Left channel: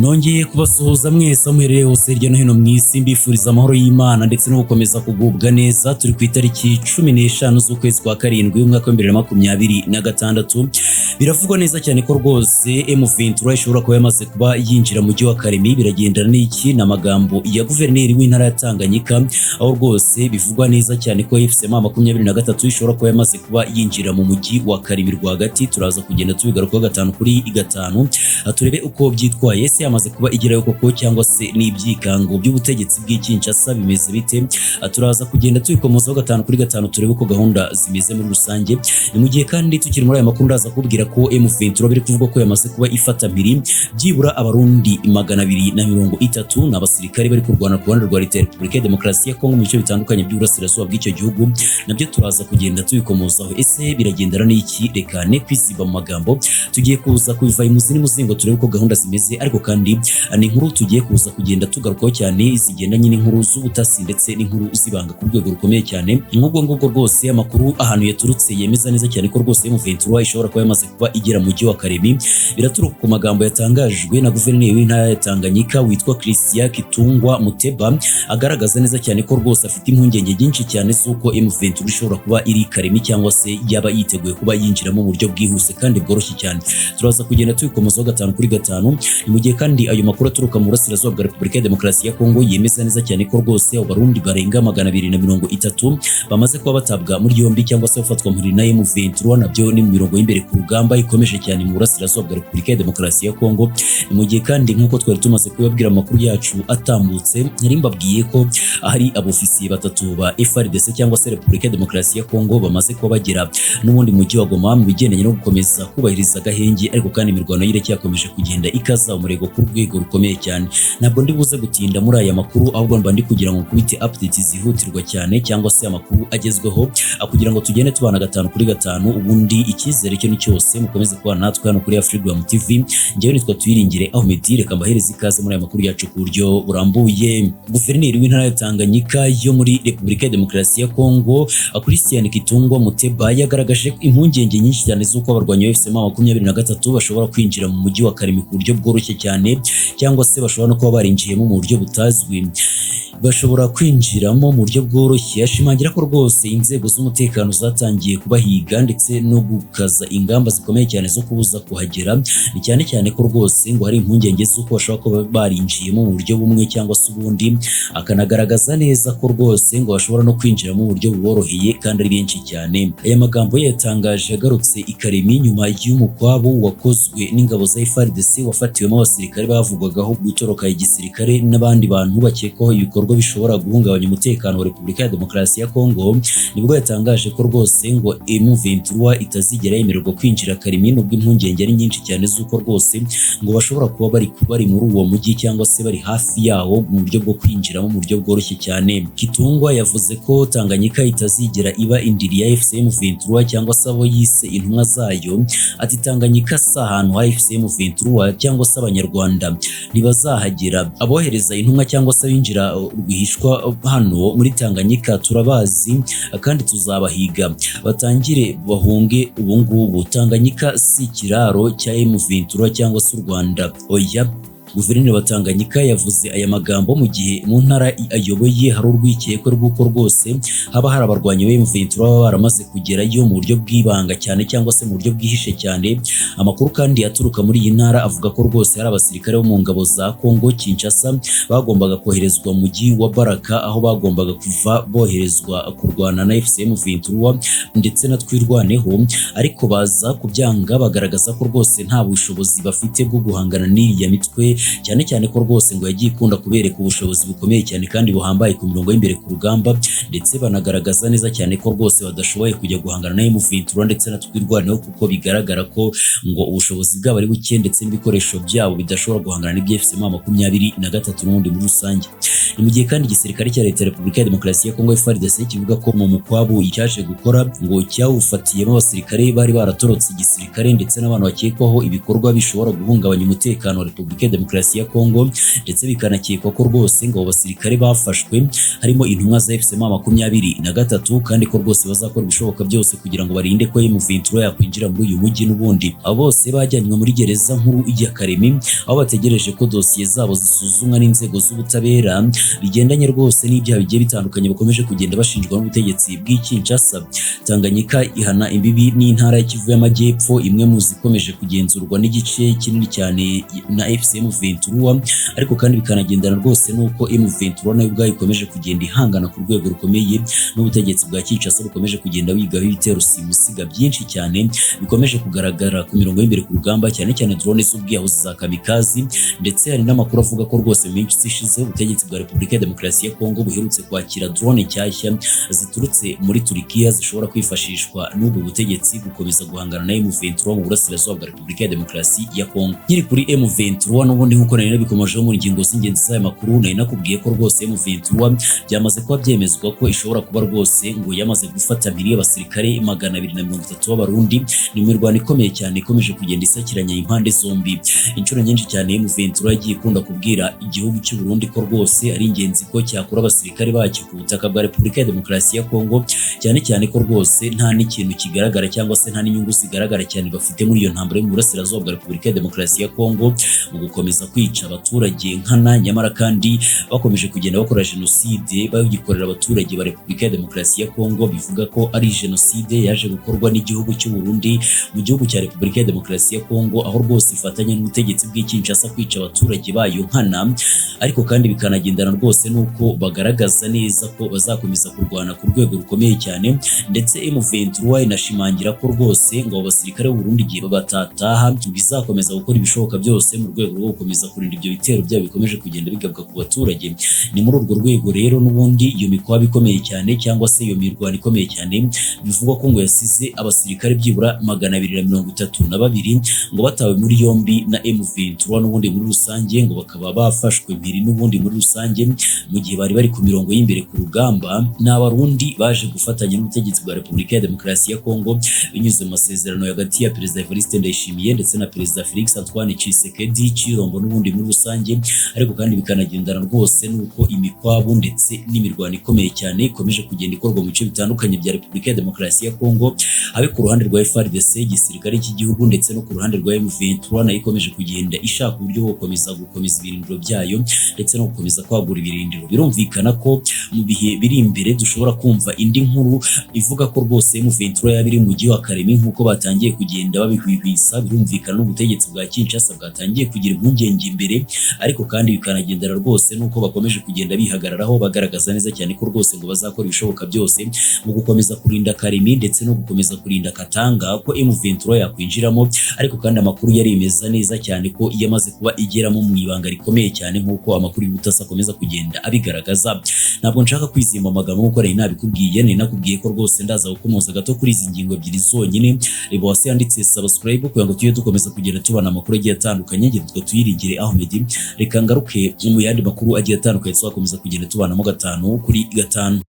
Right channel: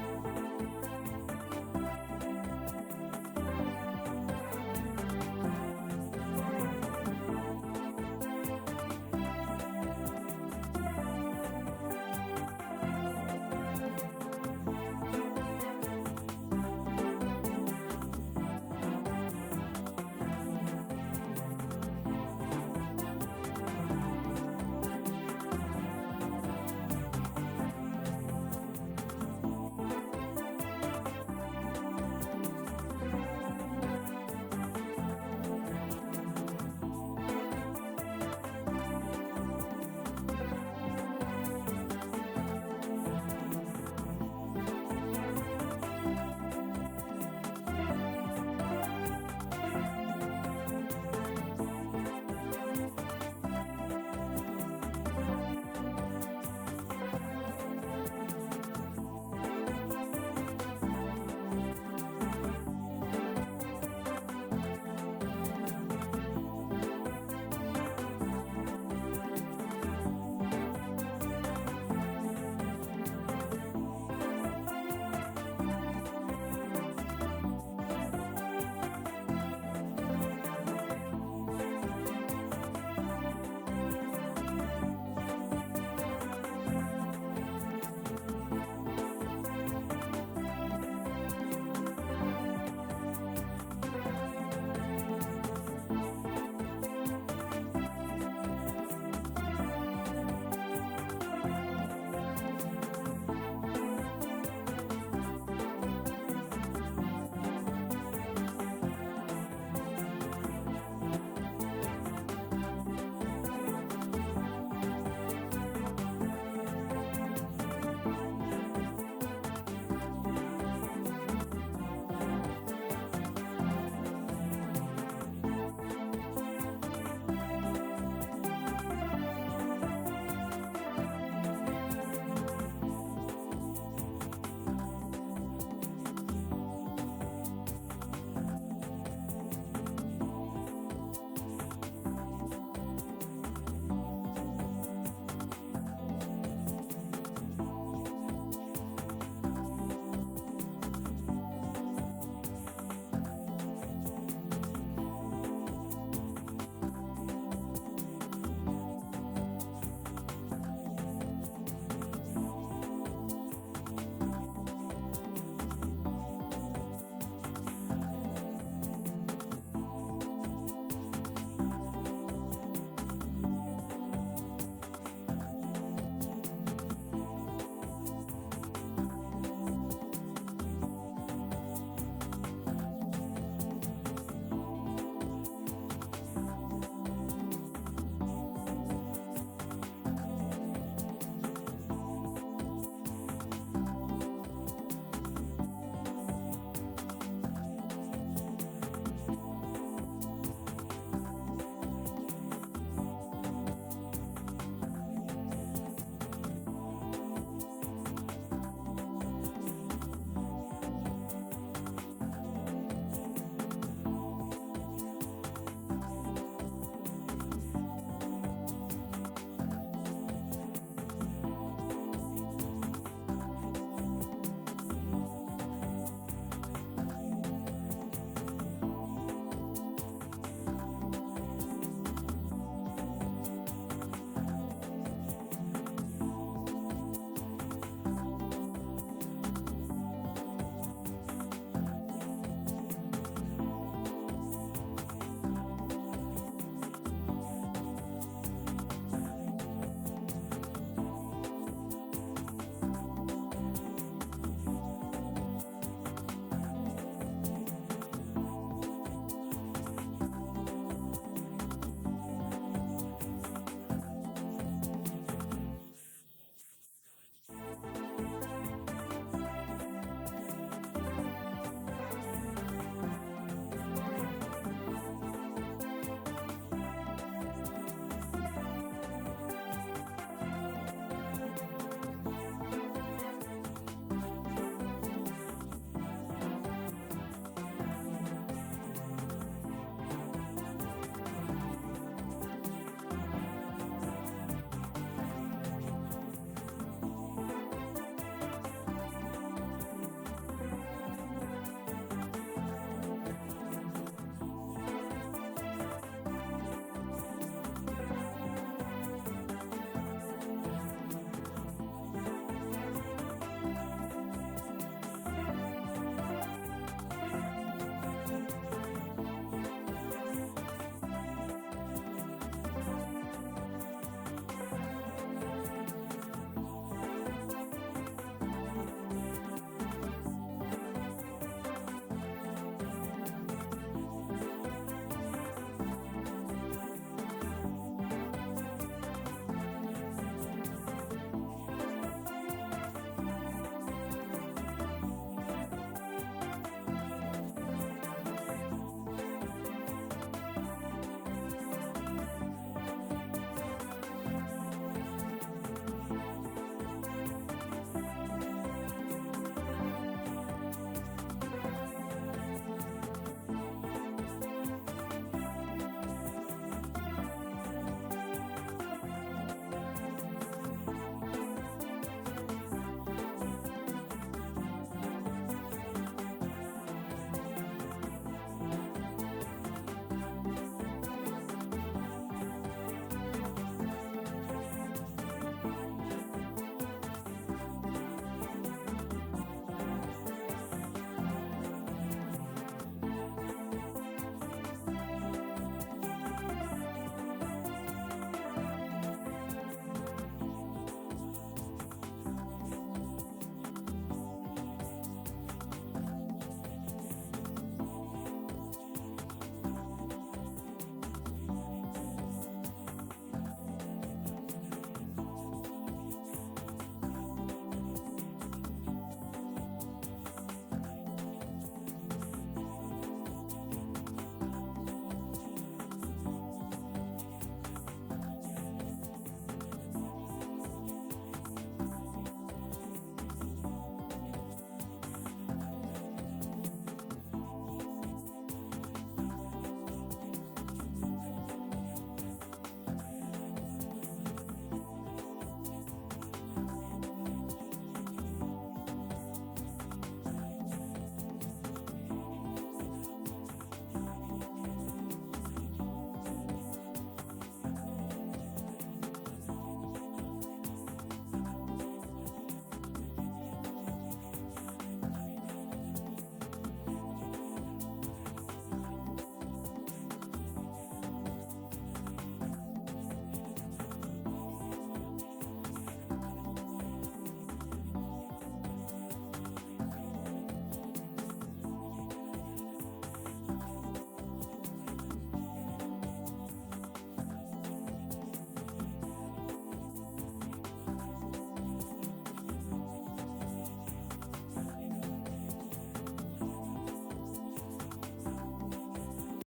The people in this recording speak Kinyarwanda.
nongeye kubasuhuza mwese muherereye hose hirya no hino mu isi mbifuriza amahoro y'Imana ndetse no gukomeza kugubwa neza. Turi ku itariki 15 z'ukwezi kwa karindwi umwaka wa 2026. Biravugwa neza cyane ko rwose M23 ishobora kuba yamaze kuba yinjira mu mujyi wa Kalemie. Biragendana n'iki n'amagambo ya guverineri w'intara ya Tanganyika, aho rwose bivugwa neza cyane ko M23 ishobora kuba yamaze kuba yinjira mu mujyi wa Kalemie rwagati. Turaza kugenda tubigarukaho gatanu kuri gatanu, turebe uko byitwaye. Ese yamaze kuba igerayo koko cyangwa se n'ibyikango by'ubutegetsi bw'Ikinshasa bimeze bite? Turaza kugenda tubikomozaho gatanu kuri gatanu, turebe uko gahunda zimeze muri rusange. Ni mu gihe kandi tukiri muri aya makuru ndaza kubwira ko M23 biri kuvuga ko yamaze kuba ifata mpiri byibura Abarundi 230 n'abasirikare bari kurwana ku ruhande rwa Leta ya Repubulika ya Demokarasi ya Kongo mu bice bitandukanye by'uburasirazuba bw'icyo gihugu. Nabyo turaza kugenda tubikomozaho. Ese biragendana n'iki? Reka ne kwisiba mu magambo, tugiye kuza kubiva imuzini muzingo turebe uko gahunda zimeze. Ariko kandi ni inkuru tugiye kuza kugenda tugarukaho cyane zigendanye n'inkuru z'ubutasi ndetse n'inkuru zibanga ku rwego rukomeye cyane. Nk'ubwo ngubwo rwose amakuru ahantu yaturutse yemeza neza cyane ko rwose M23 ishobora kuba yamaze kuba igera mu mujyi wa Kalemie. Biraturuka ku magambo yatangajwe na guverineri w'intara ya Tanganyika witwa Kitungwa Muteba, agaragaza neza cyane ko rwose afite impungenge nyinshi cyane z'uko M23 ishobora kuba iri Kalemie cyangwa se yaba yiteguye kuba yinjiramo mu buryo bwihuse kandi bworoshye cyane. Turaza kugenda tubikomozaho gatanu kuri gatanu. Mu gihe kandi ayo makuru aturuka mu burasirazuba bwa Repubulika ya Demokarasi ya Kongo yemeza neza cyane ko rwose Abarundi barenga 230 bamaze kuba batabwa muri yombi cyangwa se bafatwa muri na M23. Nabyo ni mu mirongo y'imbere ku rugamba ikomeje cyane mu burasirazuba bwa Repubulika ya Demokarasi ya Kongo. Mu gihe kandi nk'uko twari tumaze kubabwira amakuru yacu atambutse, nari mbabwiye ko hari abofisiye batatu ba FARDC cyangwa se Repubulika ya Demokarasi ya Kongo bamaze kuba bagera n'ubundi mujyi wa Goma mu bigendanye no gukomeza kubahiriza gahenge. Ariko kandi imirwano y'ireke yakomeje kugenda ikaza umurego ku rwego rukomeye cyane. Ntabwo ndi buze gutinda muri aya makuru, ahubwo mba ndi kugira ngo kubite updates zihutirwa cyane cyangwa se amakuru agezweho, kugira ngo tugende tubana gatanu kuri gatanu. Ubundi icyizere cyo ni cyose, mukomeze kubana natwe hano kuri Afrigram TV. Njyewe nitwa Tuyiringire Ahmed, reka mbahereze ikaze muri aya makuru yacu ku buryo burambuye. Guverineri w'intara ya Tanganyika yo muri Repubulika ya Demokarasi ya Kongo, Kitungwa Muteba, yagaragaje impungenge nyinshi cyane z'uko abarwanyi ba M23 bashobora kwinjira mu mujyi wa Kalemie ku buryo bworoshye cyane, cyangwa se bashobora no kuba barinjiyemo mu buryo butazwi. Bashobora kwinjiramo mu buryo bworoshye. Ashimangira ko rwose inzego z'umutekano zatangiye kubahiga ndetse no gukaza ingamba zikomeye cyane zo kubuza kuhagera. Ni cyane cyane ko rwose ngo hari impungenge z'uko bashobora kuba barinjiyemo mu buryo bumwe cyangwa se ubundi. Akanagaragaza neza ko rwose ngo bashobora no kwinjira mu buryo buboroheye kandi ari benshi cyane. Aya magambo yatangaje yagarutse i Kalemie nyuma y'umukwabo wakozwe n'ingabo za FARDC wafatiwemo abasirikare bavugwagaho gutoroka igisirikare n'abandi bantu bakekwaho ibikorwa bishobora guhungabanya umutekano wa Repubulika ya Demokarasi ya Kongo. Nibwo yatangaje ko rwose ngo M23 itazigera yemererwa kwinjira Kalemie, nubwo impungenge ari nyinshi cyane z'uko rwose ngo bashobora kuba bari muri uwo mujyi cyangwa se bari hafi yawo mu buryo bwo kwinjiramo mu buryo bworoshye cyane. Kitungwa yavuze ko Tanganyika itazigera iba indiri ya M23 cyangwa se abo yise intumwa zayo. Ati Tanganyika si ahantu ha M23 cyangwa se Abanyarwanda ntibazahagera. Abohereza intumwa cyangwa se binjira rwihishwa hano muri Tanganyika turabazi kandi tuzabahiga, batangire bahunge ubungubu. Tanganyika si ikiraro cya M23 cyangwa se u Rwanda, oya. Guverineri wa Tanganyika yavuze aya magambo mu gihe mu ntara ayoboye hari urwikekwe rw'uko rwose haba hari abarwanyi ba M23 baba baramaze kugerayo mu buryo bw'ibanga cyane cyangwa se mu buryo bwihishe cyane. Amakuru kandi aturuka muri iyi ntara avuga ko rwose hari abasirikare bo mu ngabo za Kongo Kinshasa bagombaga koherezwa mu mujyi wa Baraka, aho bagombaga kuva boherezwa kurwana na M23 ndetse na Twirwaneho, ariko baza kubyanga bagaragaza ko rwose nta bushobozi bafite bwo guhangana n'iriya mitwe, cyane cyane ko rwose ngo yagiye ikunda kubereka ubushobozi bukomeye cyane kandi buhambaye ku mirongo y'imbere ku rugamba, ndetse banagaragaza neza cyane ko rwose badashoboye kujya guhangana na M23 ndetse na Twirwaneho, kuko bigaragara ko ngo ubushobozi bwabo ari buke ndetse n'ibikoresho byabo bidashobora guhangana n'ibya23 n'ubundi muri rusange. Ni mu gihe kandi igisirikare cya Leta ya Repubulika ya Demokarasi ya Kongo FARDC kivuga ko mu mukwabo icyaje gukora ngo cyawufatiyemo abasirikare bari baratorotse igisirikare ndetse n'abantu bakekwaho ibikorwa bishobora guhungabanya umutekano wa Repubulika ya Demokarasi ya Kongo, ndetse bikanakekwa ko rwose ngo abasirikare bafashwe harimo intumwa za FCM 23 kandi ko rwose bazakora ibishoboka byose kugira ngo barinde ko M23 yakwinjira muri uyu mujyi n'ubundi. Abo bose bajyanywe muri gereza nkuru ya Kalemie aho bategereje ko dosiye zabo zisuzumwa n'inzego z'ubutabera bigendanye rwose n'ibyaha bigiye bitandukanye bakomeje kugenda bashinjwa n'ubutegetsi bw'Kinshasa. Tanganyika ihana imbibi n'intara y'Kivu y'Amajyepfo, imwe mu zikomeje kugenzurwa n'igice kinini cyane na FCM 23, ariko kandi bikanagendana rwose nuko M23 nayo ubwayo ikomeje kugenda ihangana ku rwego rukomeye n'ubutegetsi bwa Kinshasa bukomeje kugenda wigaho ibitero simusiga byinshi cyane bikomeje kugaragara ku mirongo y'imbere ku rugamba, cyane cyane drone z'ubwiyahuzi za kamikazi, ndetse hari n'amakuru avuga ko rwose minsi ishize ubutegetsi bwa Repubulika ya Demokarasi ya Kongo buherutse kwakira drone nshyashya ziturutse muri Turkiya zishobora kwifashishwa n'ubwo butegetsi gukomeza guhangana na M23 mu burasirazuba bwa Repubulika ya Demokarasi ya Kongo. Nyiri kuri M23 n'ubundi nk'uko nari nabikomejeho mu ngingo z'ingenzi z'aya makuru, nari nakubwiye ko rwose M23 byamaze kuba byemezwa ko ishobora kuba rwose ngo yamaze gufata mpiri y'abasirikare 230 b'Abarundi. Ni imirwano ikomeye cyane ikomeje kugenda isakiranya impande zombi. Inshuro nyinshi cyane M23 yagiye ikunda kubwira igihugu cy'u Burundi ko rwose ari ingenzi ko cyakura abasirikare bacyo ku butaka bwa Repubulika ya Demokarasi ya Kongo, cyane cyane ko rwose nta n'ikintu kigaragara cyangwa se nta n'inyungu zigaragara cyane bafite muri iyo ntambara yo mu burasirazuba bwa Repubulika ya Demokarasi ya Kongo mu gukomeza kwica abaturage nkana, nyamara kandi bakomeje kugenda bakora jenoside bagikorera abaturage ba Repubulika ya Demokarasi ya Kongo. Bivuga ko ari jenoside yaje gukorwa n'igihugu cy'u Burundi mu gihugu cya Repubulika ya Demokarasi ya Kongo, aho rwose ifatanya n'ubutegetsi bw'Kinshasa kwica abaturage bayo nkana, ariko kandi bikanagendana rwose nuko bagaragaza neza ko bazakomeza kurwana ku rwego rukomeye cyane. Ndetse M23 inashimangira ko rwose ngo abasirikare b'u Burundi igihe batataha bizakomeza gukora ibishoboka byose mu rwego rwo gukomeza kurinda ibyo bitero byabo bikomeje kugenda bigabwa ku baturage. Ni muri urwo rwego rero n'ubundi iyo mikwabo ikomeye cyane cyangwa se iyo mirwano ikomeye cyane bivugwa ko ngo yasize abasirikare byibura 232 ngo batawe muri yombi na M23 n'ubundi muri rusange, ngo bakaba bafashwe mpiri n'ubundi muri rusange mu gihe bari ku mirongo y'imbere ku rugamba. N'Abarundi baje gufatanya n'ubutegetsi bwa Repubulika ya Demokarasi ya Kongo binyuze mu masezerano hagati ya Perezida Evariste Ndayishimiye ndetse na Perezida Felix Antoine Tshisekedi Chirombo n'ubundi muri rusange, ariko kandi bikanagendana rwose nuko imikwabo ndetse n'imirwano ikomeye cyane ikomeje kugenda ikorwa mu bice bitandukanye bya Repubulika ya Demokarasi ya Kongo, habe ku ruhande rwa FARDC igisirikare cy'igihugu ndetse no ku ruhande rwa M23 nayo ikomeje kugenda ishaka uburyo bwo gukomeza ibirindiro byayo ndetse no gukomeza kwagura ibirindiro. Birumvikana ko mu bihe biri imbere dushobora kumva indi nkuru ivuga ko rwose M23 yabiri mu gihe wa Kalemie nk'uko batangiye kugenda babihwihwisa. Birumvikana n'ubutegetsi bwa Kinshasa bwatangiye kugira impungenge imbere, ariko kandi bikanagendera rwose nuko bakomeje kugenda bihagararaho bagaragaza neza cyane ko rwose ngo bazakora ibishoboka byose mu gukomeza kurinda Kalemie ndetse no gukomeza kurinda Katanga ko M23 yakwinjiramo, ariko kandi amakuru yaremeza neza cyane ko yamaze kuba igeramo mu ibanga rikomeye cyane nk'uko amakuru y'ubutasi akomeza kugenda abigaragaza. Ntabwo nshaka kwizima amagambo nk'uko nari nabikubwiye, nari nakubwiye ko rwose ndaza gukomoza gato kuri izi ngingo ebyiri zonyine. Reba wasi yanditse subscribe kugira ngo tujye dukomeza kugenda tubana amakuru agiye atandukanye, ngira tuyiringire Ahmed. Reka ngaruke mu yandi makuru agiye atandukanye tuzakomeza kugenda tubanamo 5 kuri 5.